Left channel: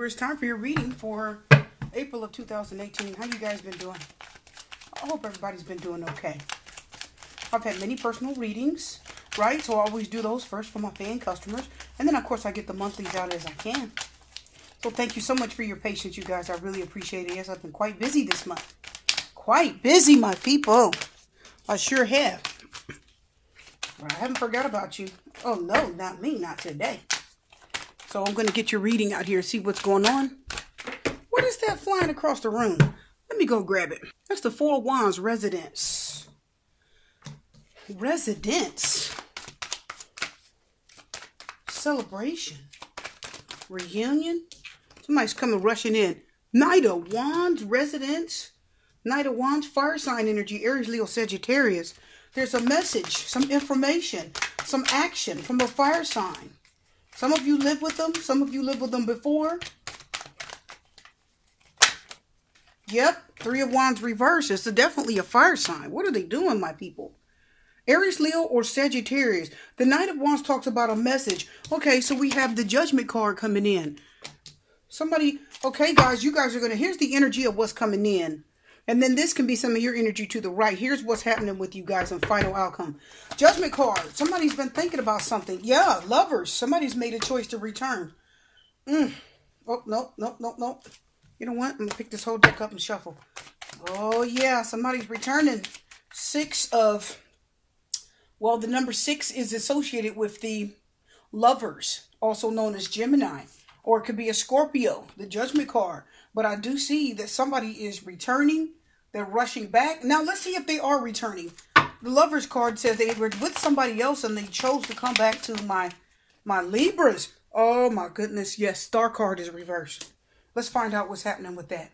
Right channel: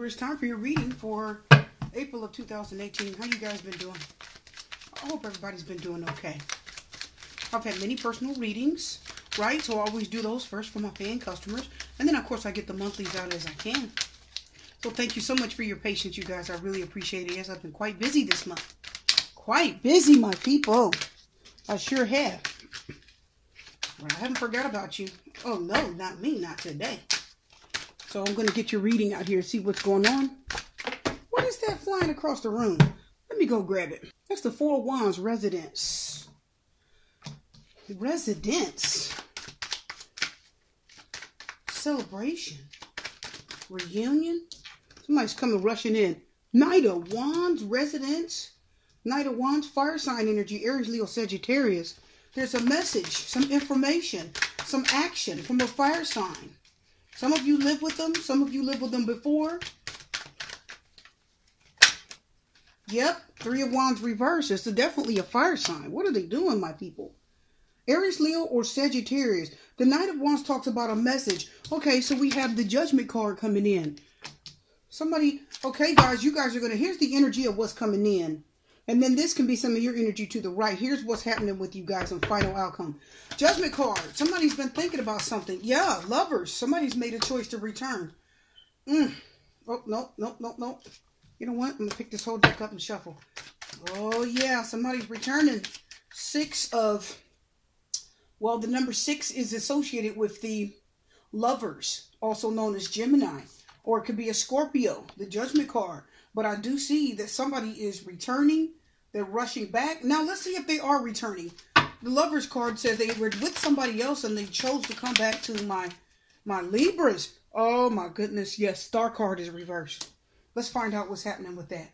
Libra, it's time for your reading for April of 2018. How you guys been doing? I hope everybody's been doing okay. I've had many personal readings, right? So I always do those first for my paying customers. And then, of course, I get the monthlies out as I can. So thank you so much for your patience, you guys. I really appreciate it. Yes, I've been quite busy this month. Quite busy, my people. I sure have. I haven't forgot about you. Oh, no, not me. Not today. So I'm going to get your reading out here and see what's going on. What is that flying across the room? Let me go grab it. That's the Four of Wands, residence. Residence. Celebration. Reunion. Somebody's coming rushing in. Knight of Wands, residence. Knight of Wands, fire sign energy, Aries, Leo, Sagittarius. There's a message, some information, some action from a fire sign. Some of you live with them. Some of you lived with them before. Yep. Three of Wands reverse. It's definitely a fire sign. What are they doing, my people? Aries, Leo, or Sagittarius. The Knight of Wands talks about a message. Okay, so we have the Judgment card coming in. Somebody, okay, guys, you guys are going to, here's the energy of what's coming in. And then this can be some of your energy to the right. Here's what's happening with you guys in final outcome. Judgment card. Somebody's been thinking about something. Yeah, lovers. Somebody's made a choice to return. Oh, no. You know what? I'm going to pick this whole deck up and shuffle. Oh, yeah. Somebody's returning. Well, the number 6 is associated with the lovers, also known as Gemini. Or it could be a Scorpio, the Judgment card. But I do see that somebody is returning. They're rushing back. Now, let's see if they are returning. The Lovers card says they were with somebody else and they chose to come back to my Libras. Oh, my goodness. Yes, Star card is reversed. Let's find out what's happening with that.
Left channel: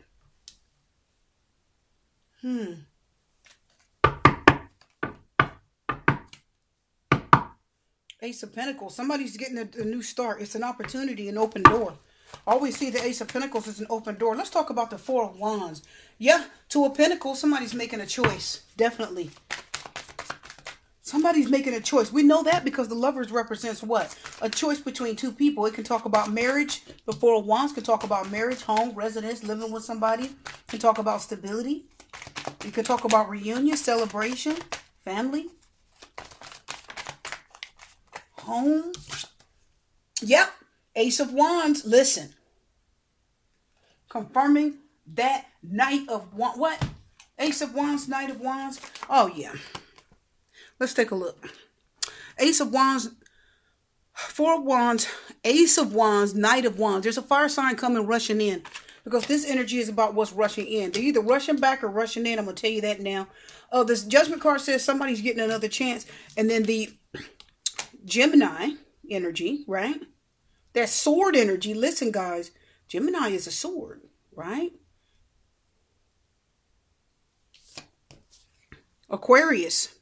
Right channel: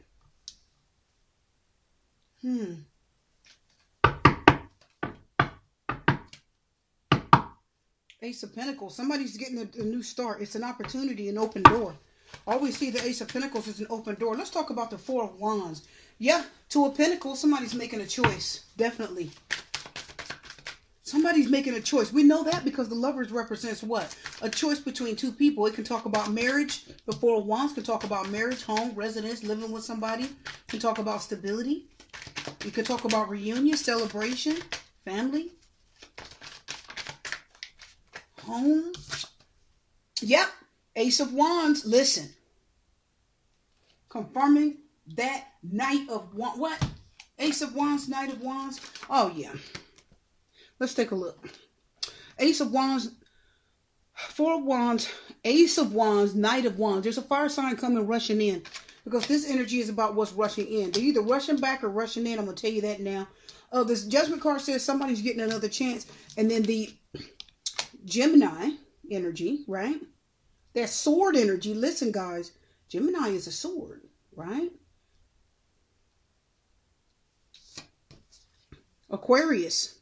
Ace of Pentacles. Somebody's getting a new start. It's an opportunity, an open door. I always see the Ace of Pentacles as an open door. Let's talk about the Four of Wands. Yeah, Two of Pentacles, somebody's making a choice. Definitely. Somebody's making a choice. We know that because the Lovers represents what? A choice between two people. It can talk about marriage. The Four of Wands can talk about marriage, home, residence, living with somebody. It can talk about stability. It can talk about reunion, celebration, family, home. Yep. Ace of Wands, listen. Confirming that Knight of Wands. What? Ace of Wands, Knight of Wands. Oh, yeah. Let's take a look. Ace of Wands, Four of Wands, Ace of Wands, Knight of Wands. There's a fire sign coming rushing in. Because this energy is about what's rushing in. They're either rushing back or rushing in. I'm going to tell you that now. This Judgment card says somebody's getting another chance. And then the Gemini energy, right? That sword energy. Listen, guys. Gemini is a sword, right? Aquarius.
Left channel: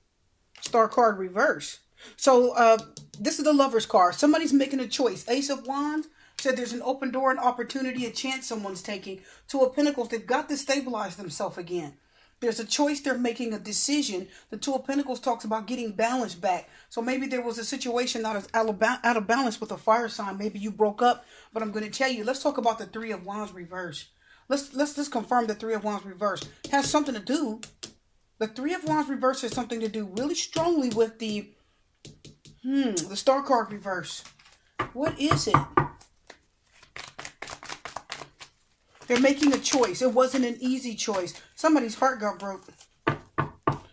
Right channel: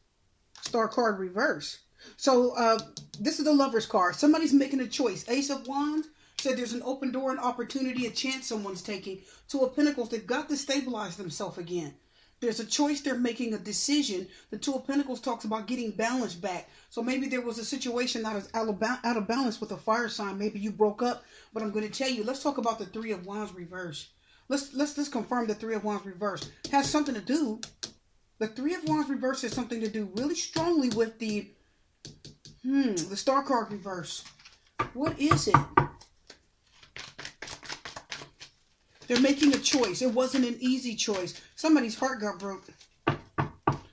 Star card reverse. So, this is the Lovers card. Somebody's making a choice. Ace of Wands said there's an open door, an opportunity, a chance someone's taking. Two of Pentacles, they've got to stabilize themselves again. There's a choice, they're making a decision. The Two of Pentacles talks about getting balance back. So maybe there was a situation that was out of balance with a fire sign. Maybe you broke up. But I'm going to tell you, let's talk about the Three of Wands reverse. Let's confirm the Three of Wands reverse. It has something to do. The Three of Wands reverse has something to do really strongly with the Star card reverse. What is it? They're making a choice. It wasn't an easy choice. Somebody's heart got broke.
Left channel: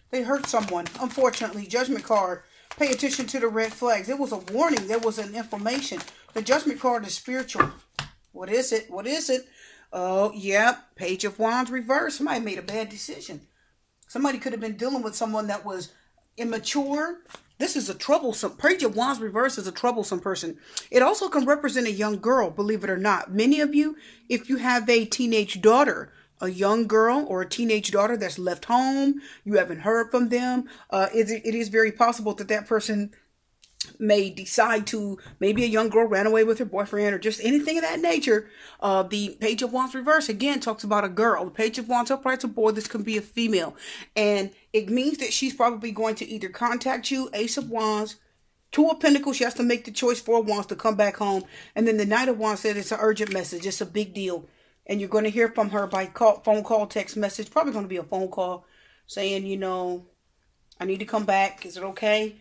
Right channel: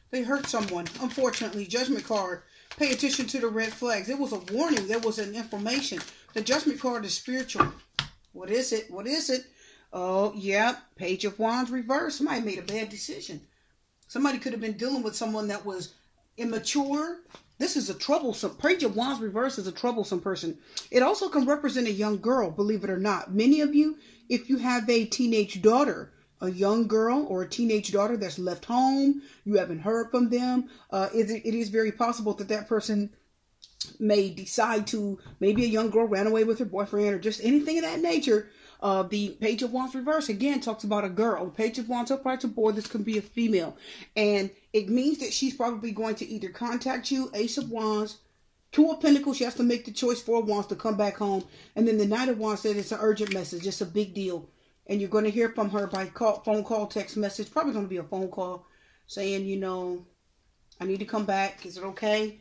They hurt someone. Unfortunately, Judgment card. Pay attention to the red flags. It was a warning. There was an information. The Judgment card is spiritual. What is it? What is it? Oh, yeah. Page of Wands reverse. Somebody made a bad decision. Somebody could have been dealing with someone that was immature. This is a troublesome. Page of Wands reverse is a troublesome person. It also can represent a young girl, believe it or not. Many of you, if you have a teenage daughter, a young girl or a teenage daughter that's left home, you haven't heard from them, it is very possible that that person may decide to, maybe a young girl ran away with her boyfriend or just anything of that nature. The Page of Wands reverse, again, talks about a girl. The Page of Wands upright, a boy. This can be a female. And it means that she's probably going to either contact you, Ace of Wands, Two of Pentacles, she has to make the choice. Four of Wands to come back home. And then the Knight of Wands said it's an urgent message. It's a big deal. And you're going to hear from her by phone call, text message. Probably going to be a phone call saying, you know, I need to come back. Is it okay?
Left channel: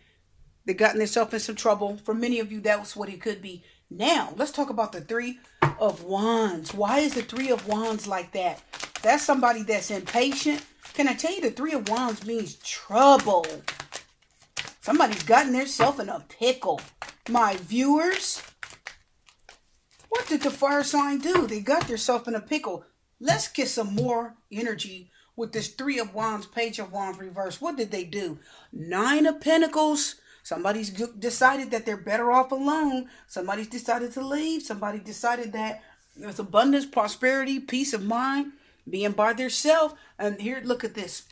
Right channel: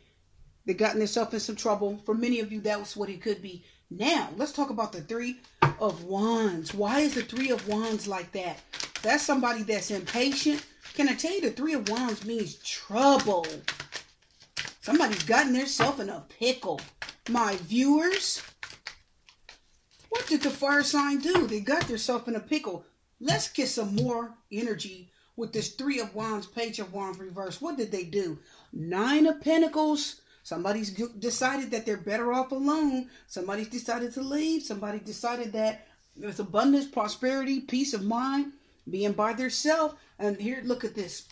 They've gotten themselves in some trouble. For many of you, that's what it could be. Now, let's talk about the Three of Wands. Why is the Three of Wands like that? That's somebody that's impatient. Can I tell you the Three of Wands means trouble? Somebody's gotten themselves in a pickle. My viewers, what did the fire sign do? They got themselves in a pickle. Let's get some more energy with this Three of Wands, Page of Wands reverse. What did they do? Nine of Pentacles. Somebody's decided that they're better off alone. Somebody's decided to leave. Somebody decided that there's abundance, prosperity, peace of mind, being by themselves. And here, look at this.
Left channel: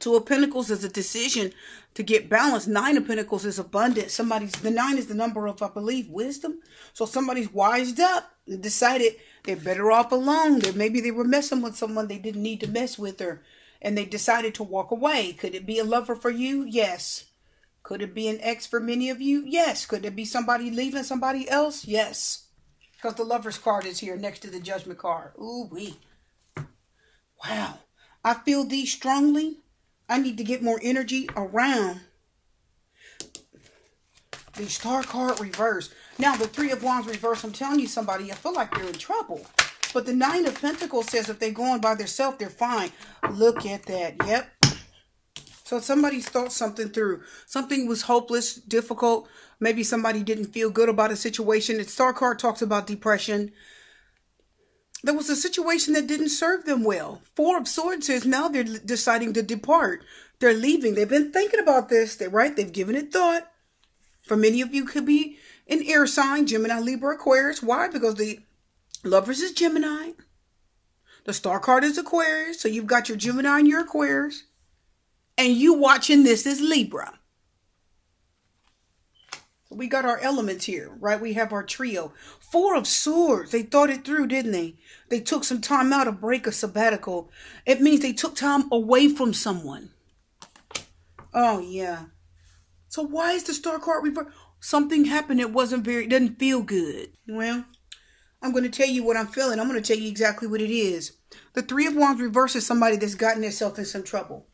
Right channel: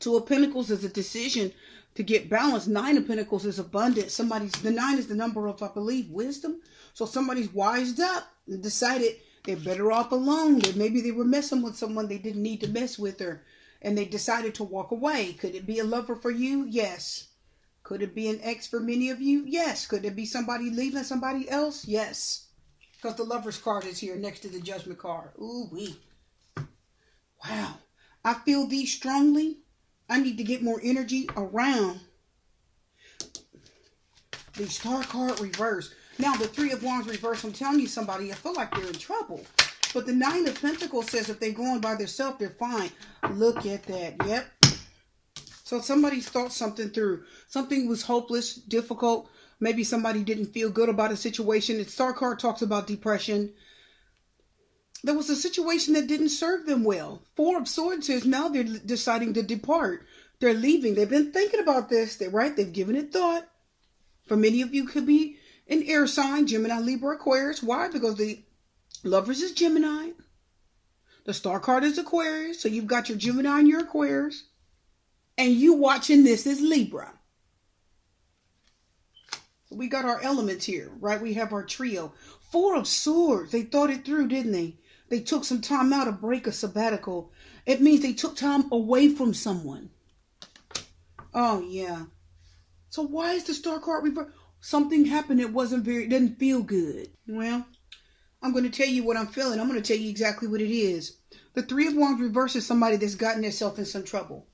Two of Pentacles is a decision to get balance. Nine of Pentacles is abundance. The 9 is the number of, I believe, wisdom. So somebody's wised up and decided they're better off alone. That maybe they were messing with someone they didn't need to mess with her, and they decided to walk away. Could it be a lover for you? Yes. Could it be an ex for many of you? Yes. Could it be somebody leaving somebody else? Yes. Because the Lover's card is here next to the Judgment card. Ooh-wee. Wow. I feel these strongly. I need to get more energy around the Star card reverse. Now, the Three of Wands reverse, I'm telling you, somebody, I feel like they're in trouble. But the Nine of Pentacles says if they're going by themselves, they're fine. Look at that. Yep. So somebody thought something through. Something was hopeless, difficult. Maybe somebody didn't feel good about a situation. The Star card talks about depression. There was a situation that didn't serve them well. Four of Swords says now they're deciding to depart. They're leaving. They've been thinking about this. They're right. They've given it thought. For many of you, could be an air sign, Gemini, Libra, Aquarius. Why? Because the Lovers is Gemini. The Star card is Aquarius. So you've got your Gemini and your Aquarius. And you watching this is Libra. We got our elements here, right? We have our trio. Four of Swords. They thought it through, didn't they? They took some time out, a break, a sabbatical. It means they took time away from someone. Oh, yeah. So why is the Star card reversed? Something happened that didn't feel good. Well, I'm going to tell you what I'm feeling. I'm going to tell you exactly what it is. The Three of Wands reverse is somebody that's gotten themselves in some trouble.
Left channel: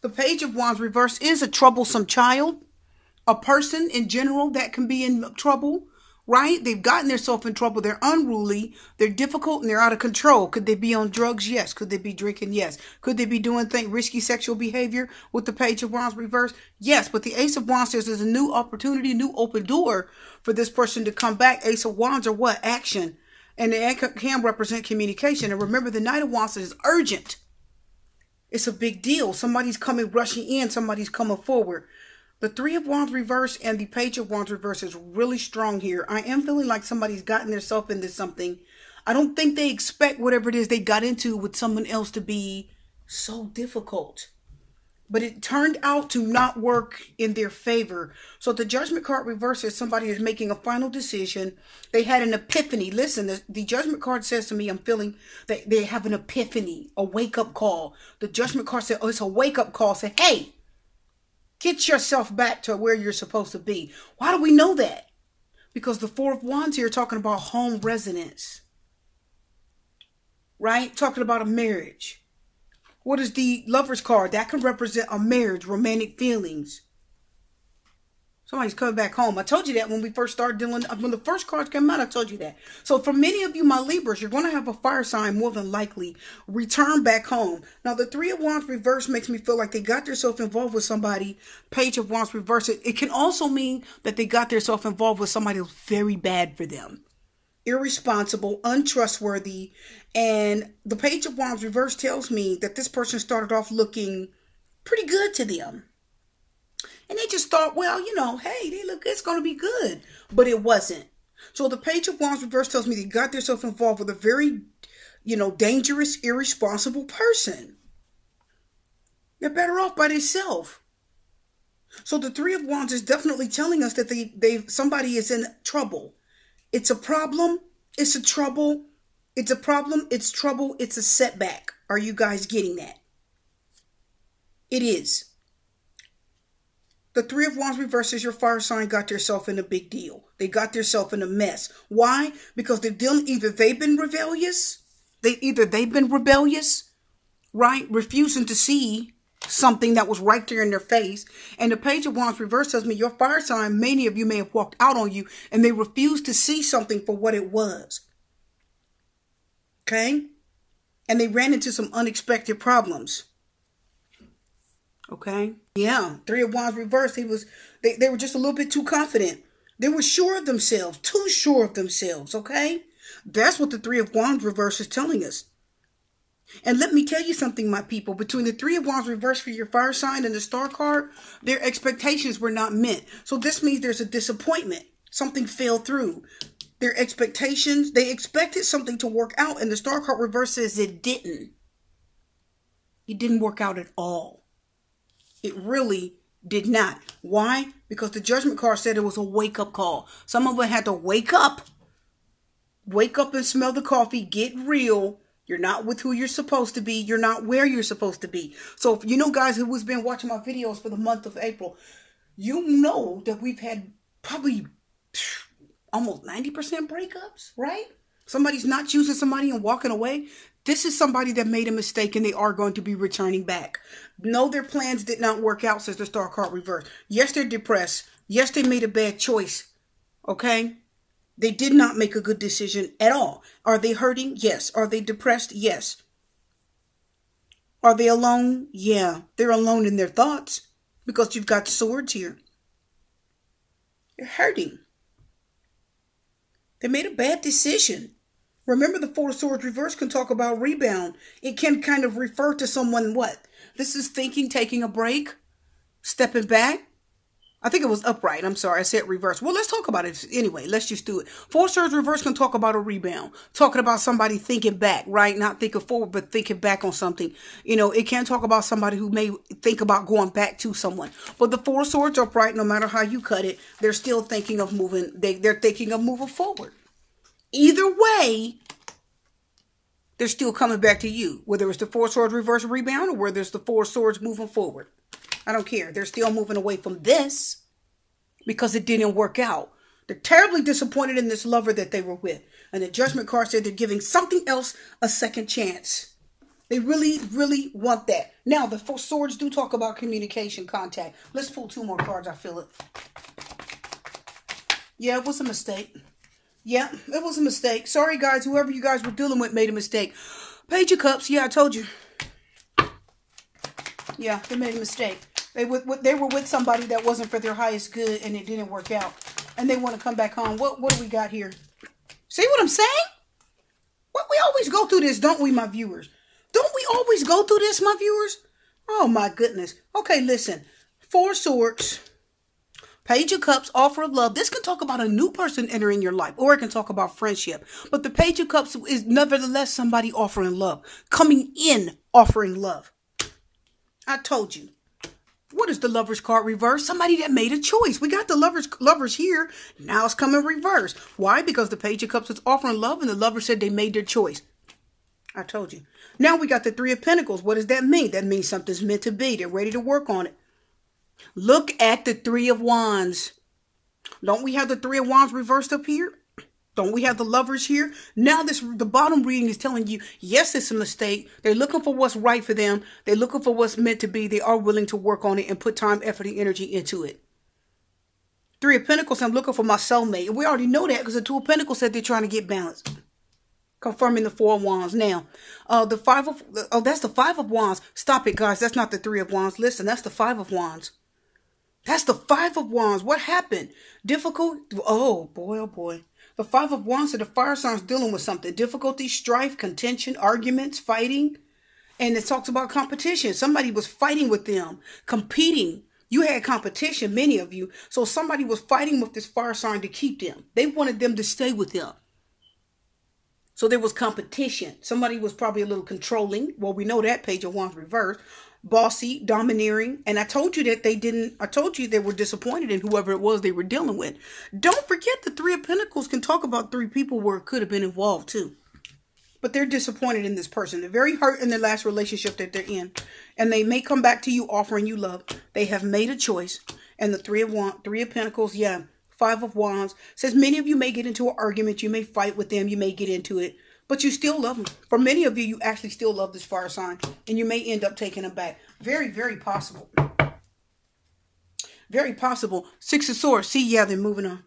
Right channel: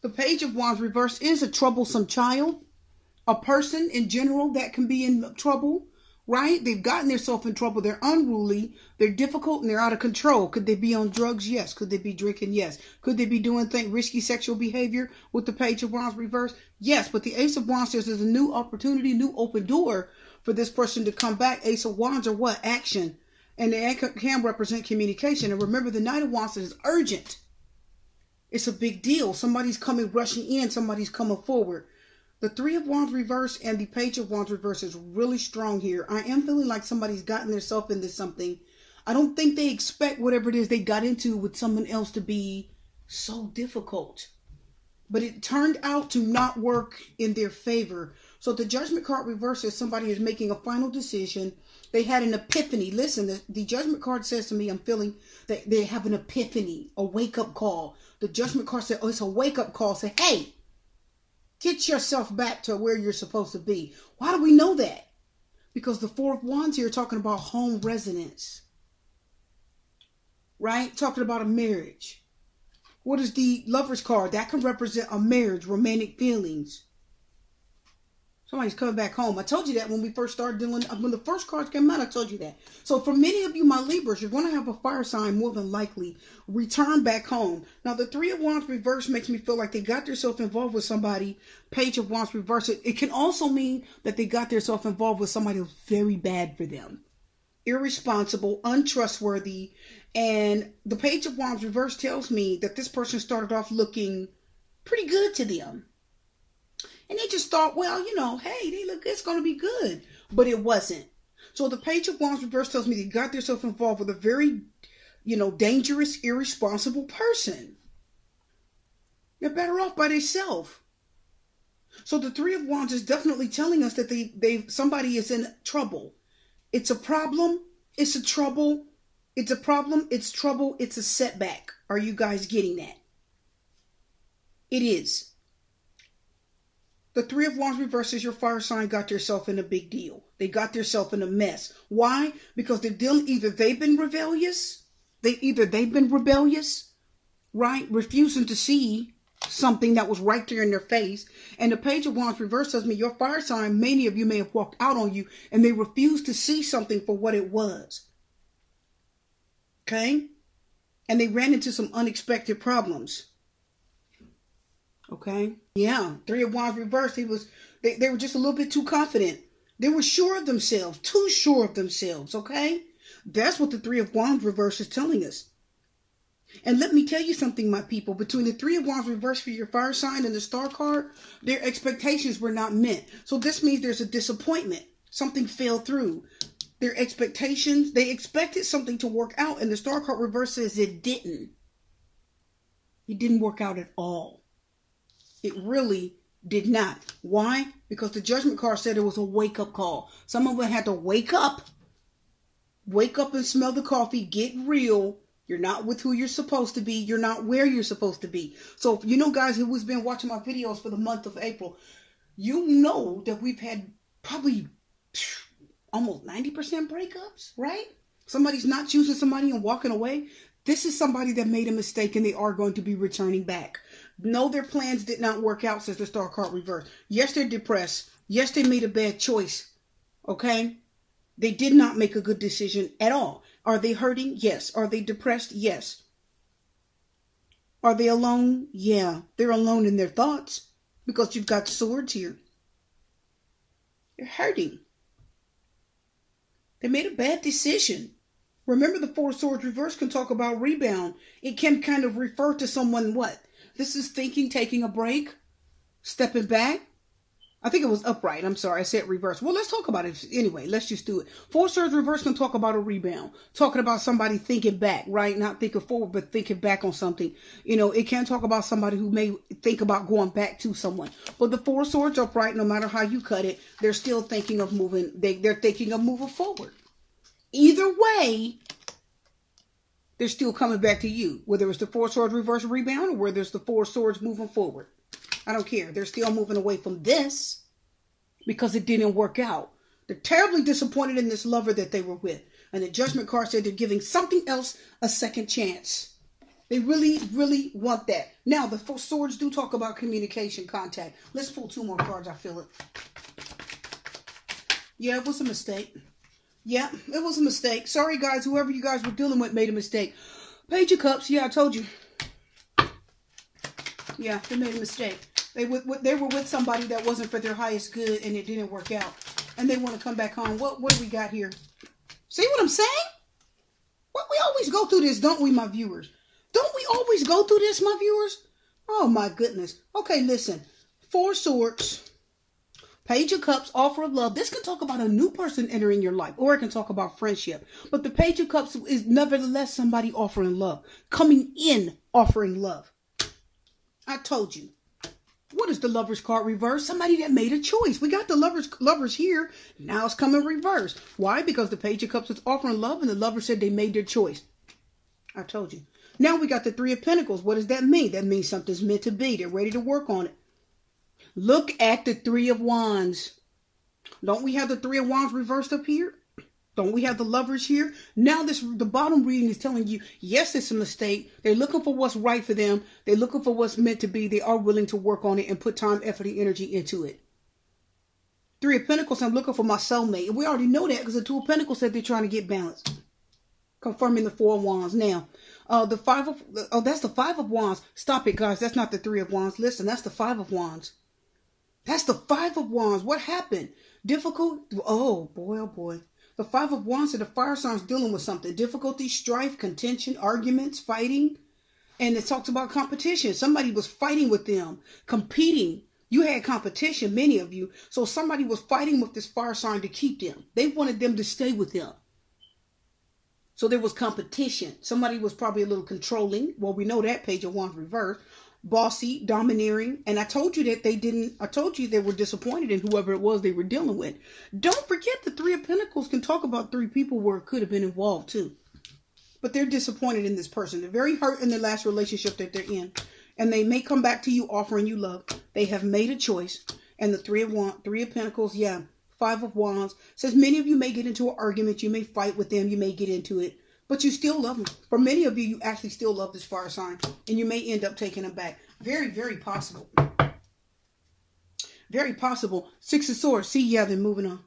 The Page of Wands reverse is a troublesome child. A person in general that can be in trouble, right? They've gotten themselves in trouble. They're unruly. They're difficult and they're out of control. Could they be on drugs? Yes. Could they be drinking? Yes. Could they be doing risky sexual behavior with the Page of Wands reverse? Yes. But the Ace of Wands says there's a new opportunity, new open door for this person to come back. Ace of Wands are what? Action. And they can represent communication. And remember, the Knight of Wands is urgent. It's a big deal. Somebody's coming, rushing in. Somebody's coming forward. The Three of Wands reverse and the Page of Wands reverse is really strong here. I am feeling like somebody's gotten themselves into something. I don't think they expect whatever it is they got into with someone else to be so difficult. But it turned out to not work in their favor. So the Judgment card reverse is somebody is making a final decision. They had an epiphany. Listen, the Judgment card says to me, I'm feeling that they have an epiphany, a wake-up call. The Judgment card said, oh, it's a wake-up call. Say, hey, get yourself back to where you're supposed to be. Why do we know that? Because the Four of Wands here are talking about home residence. Right? Talking about a marriage. What is the Lover's card? That can represent a marriage, romantic feelings. Somebody's coming back home. I told you that when we first started dealing, when the first cards came out, I told you that. So for many of you, my Libras, you're going to have a fire sign more than likely return back home. Now, the Three of Wands reverse makes me feel like they got themselves involved with somebody. Page of Wands reverse. It can also mean that they got themselves involved with somebody who's very bad for them. Irresponsible, untrustworthy. And the Page of Wands reverse tells me that this person started off looking pretty good to them. And they just thought, well, you know, hey, they look, it's going to be good. But it wasn't. So the Page of Wands reverse tells me they got themselves involved with a very, dangerous, irresponsible person. They're better off by themselves. So the Three of Wands is definitely telling us that somebody is in trouble. It's a problem. It's a trouble. It's a problem. It's trouble. It's a setback. Are you guys getting that? It is. The Three of Wands reverse is your fire sign got themselves in a big deal. They got themselves in a mess. Why? Because they've been rebellious. They've been rebellious, right? Refusing to see something that was right there in their face. And the Page of Wands reverse tells me your fire sign, many of you may have walked out on you and they refused to see something for what it was. Okay? And they ran into some unexpected problems. Okay? Yeah. Three of Wands reverse. They were just a little bit too confident. They were sure of themselves. Too sure of themselves. Okay? That's what the Three of Wands reverse is telling us. And let me tell you something, my people. Between the Three of Wands reverse for your fire sign and the Star card, their expectations were not met. So this means there's a disappointment. Something fell through. Their expectations, they expected something to work out. And the Star card reverse says it didn't. It didn't work out at all. It really did not. Why? Because the Judgment card said it was a wake-up call. Some of them had to wake up. Wake up and smell the coffee. Get real. You're not with who you're supposed to be. You're not where you're supposed to be. So, if you know, guys who has been watching my videos for the month of April, you know that we've had probably almost 90% breakups, right? Somebody's not choosing somebody and walking away. This is somebody that made a mistake and they are going to be returning back. No, their plans did not work out, says the Star card reverse. Yes, they're depressed. Yes, they made a bad choice. Okay? They did not make a good decision at all. Are they hurting? Yes. Are they depressed? Yes. Are they alone? Yeah. They're alone in their thoughts because you've got swords here. They're hurting. They made a bad decision. Remember, the Four of Swords reverse can talk about rebound. It can kind of refer to someone what? This is thinking, taking a break, stepping back. I think it was upright. I'm sorry. I said reverse. Well, let's talk about it anyway. Let's just do it. Four Swords reverse can talk about a rebound. Talking about somebody thinking back, right? Not thinking forward, but thinking back on something. You know, it can talk about somebody who may think about going back to someone. But the Four Swords upright, no matter how you cut it, they're still thinking of moving. They're thinking of moving forward. Either way, they're still coming back to you. Whether it's the Four Swords reverse rebound or whether it's the Four Swords moving forward. I don't care. They're still moving away from this because it didn't work out. They're terribly disappointed in this lover that they were with. And the Judgment card said they're giving something else a second chance. They really, really want that. Now, the Four Swords do talk about communication, contact. Let's pull two more cards. I feel it. Yeah, it was a mistake. Yeah, it was a mistake. Sorry, guys. Whoever you guys were dealing with made a mistake. Page of Cups. Yeah, I told you. Yeah, they made a mistake. They were with somebody that wasn't for their highest good, and it didn't work out. And they want to come back home. What do we got here? See what I'm saying? What, we always go through this, don't we, my viewers? Don't we always go through this, my viewers? Oh, my goodness. Okay, listen. Four Swords. Page of Cups, offer of love. This can talk about a new person entering your life, or it can talk about friendship. But the Page of Cups is nevertheless somebody offering love. Coming in, offering love. I told you. What is the Lovers card reverse? Somebody that made a choice. We got the lovers here. Now it's coming reverse. Why? Because the Page of Cups is offering love and the lover said they made their choice. I told you. Now we got the Three of Pentacles. What does that mean? That means something's meant to be. They're ready to work on it. Look at the Three of Wands. Don't we have the Three of Wands reversed up here? Don't we have the lovers here? Now the bottom reading is telling you, yes, it's a mistake. They're looking for what's right for them. They're looking for what's meant to be. They are willing to work on it and put time, effort, and energy into it. Three of Pentacles, I'm looking for my soulmate. And we already know that because the Two of Pentacles said they're trying to get balanced. Confirming the Four of Wands. Now, that's the Five of Wands. Stop it, guys. That's not the Three of Wands. Listen, that's the Five of Wands. That's the Five of Wands. What happened? Difficult? Oh, boy, oh, boy. The Five of Wands are the fire signs dealing with something. Difficulty, strife, contention, arguments, fighting. And it talks about competition. Somebody was fighting with them, competing. You had competition, many of you. So somebody was fighting with this fire sign to keep them. They wanted them to stay with them. So there was competition. Somebody was probably a little controlling. Well, we know that Page of Wands reversed. Bossy, domineering, and I told you that I told you they were disappointed in whoever it was they were dealing with. Don't forget the Three of Pentacles can talk about three people where it could have been involved too. But they're disappointed in this person. They're very hurt in their last relationship that they're in. And they may come back to you offering you love. They have made a choice. And the Three of Pentacles, yeah. Five of Wands says many of you may get into an argument. You may fight with them. You may get into it. But you still love them. For many of you, you actually still love this fire sign. And you may end up taking them back. Very, very possible. Very possible. Six of Swords. See, yeah, they're moving on.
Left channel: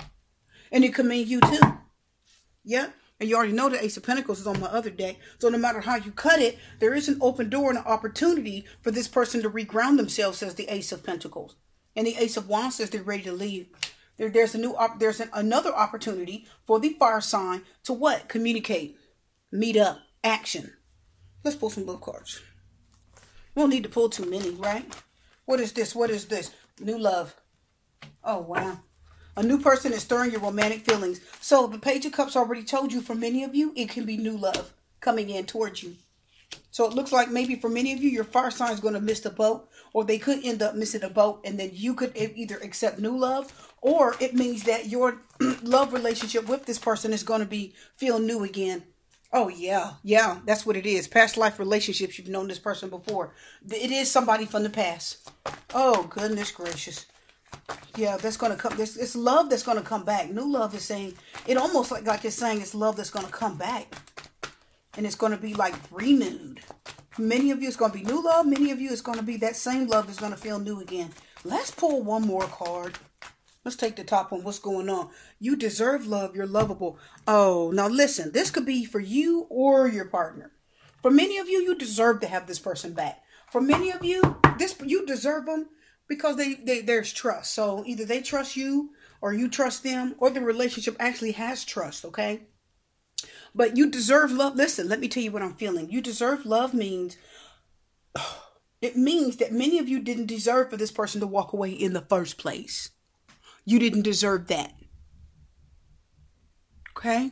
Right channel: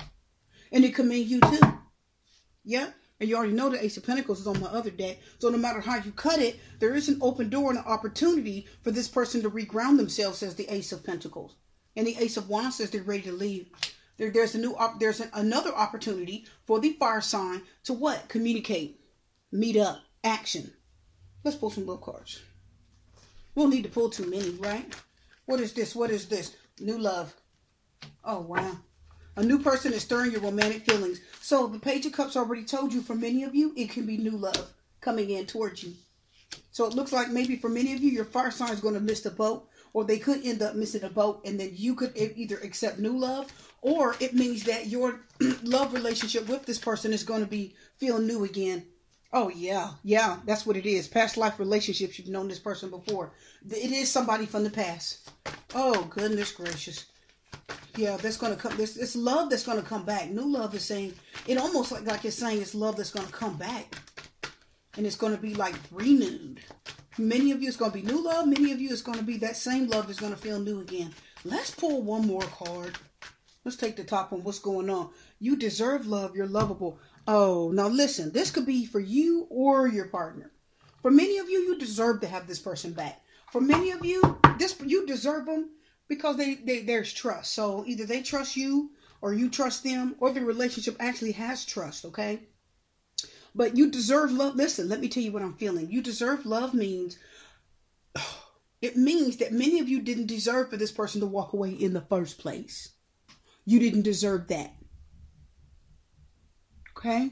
And it could mean you too. Yeah. And you already know the Ace of Pentacles is on my other deck. So no matter how you cut it, there is an open door and an opportunity for this person to reground themselves, says the Ace of Pentacles. And the Ace of Wands says they're ready to leave. There's another opportunity for the fire sign to what? Communicate. Meet up. Action. Let's pull some love cards. We don't need to pull too many, right? What is this? What is this? New love. Oh, wow. A new person is stirring your romantic feelings. So the Page of Cups already told you, for many of you, it can be new love coming in towards you. So it looks like maybe for many of you, your fire sign is going to miss the boat, or they could end up missing a boat, and then you could either accept new love, or it means that your love relationship with this person is going to feel new again. Oh, yeah. Yeah, that's what it is. Past life relationships. You've known this person before. It is somebody from the past. Oh, goodness gracious. Yeah, that's going to come. It's love that's going to come back. New love is saying, it almost like it's saying it's love that's going to come back. And it's going to be like renewed. Many of you, it's going to be new love. Many of you, it's going to be that same love is going to feel new again. Let's pull one more card. Let's take the top one. What's going on? You deserve love. You're lovable. Oh, now listen. This could be for you or your partner. For many of you, you deserve to have this person back. For many of you, you deserve them because there's trust. So either they trust you or you trust them, or the relationship actually has trust, okay? But you deserve love. Listen, let me tell you what I'm feeling. You deserve love means, it means that many of you didn't deserve for this person to walk away in the first place. You didn't deserve that. Okay?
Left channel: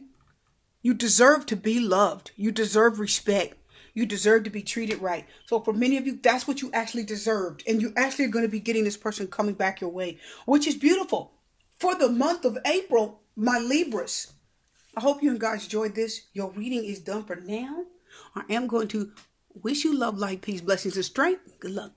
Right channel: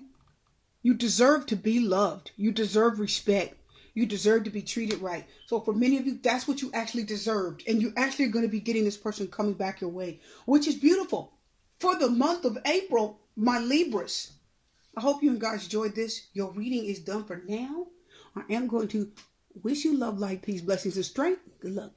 You deserve to be loved. You deserve respect. You deserve to be treated right. So for many of you, that's what you actually deserved. And you actually are going to be getting this person coming back your way, which is beautiful. For the month of April, my Libras, I hope you guys enjoyed this. Your reading is done for now. I am going to wish you love, light, peace, blessings, and strength. Good luck.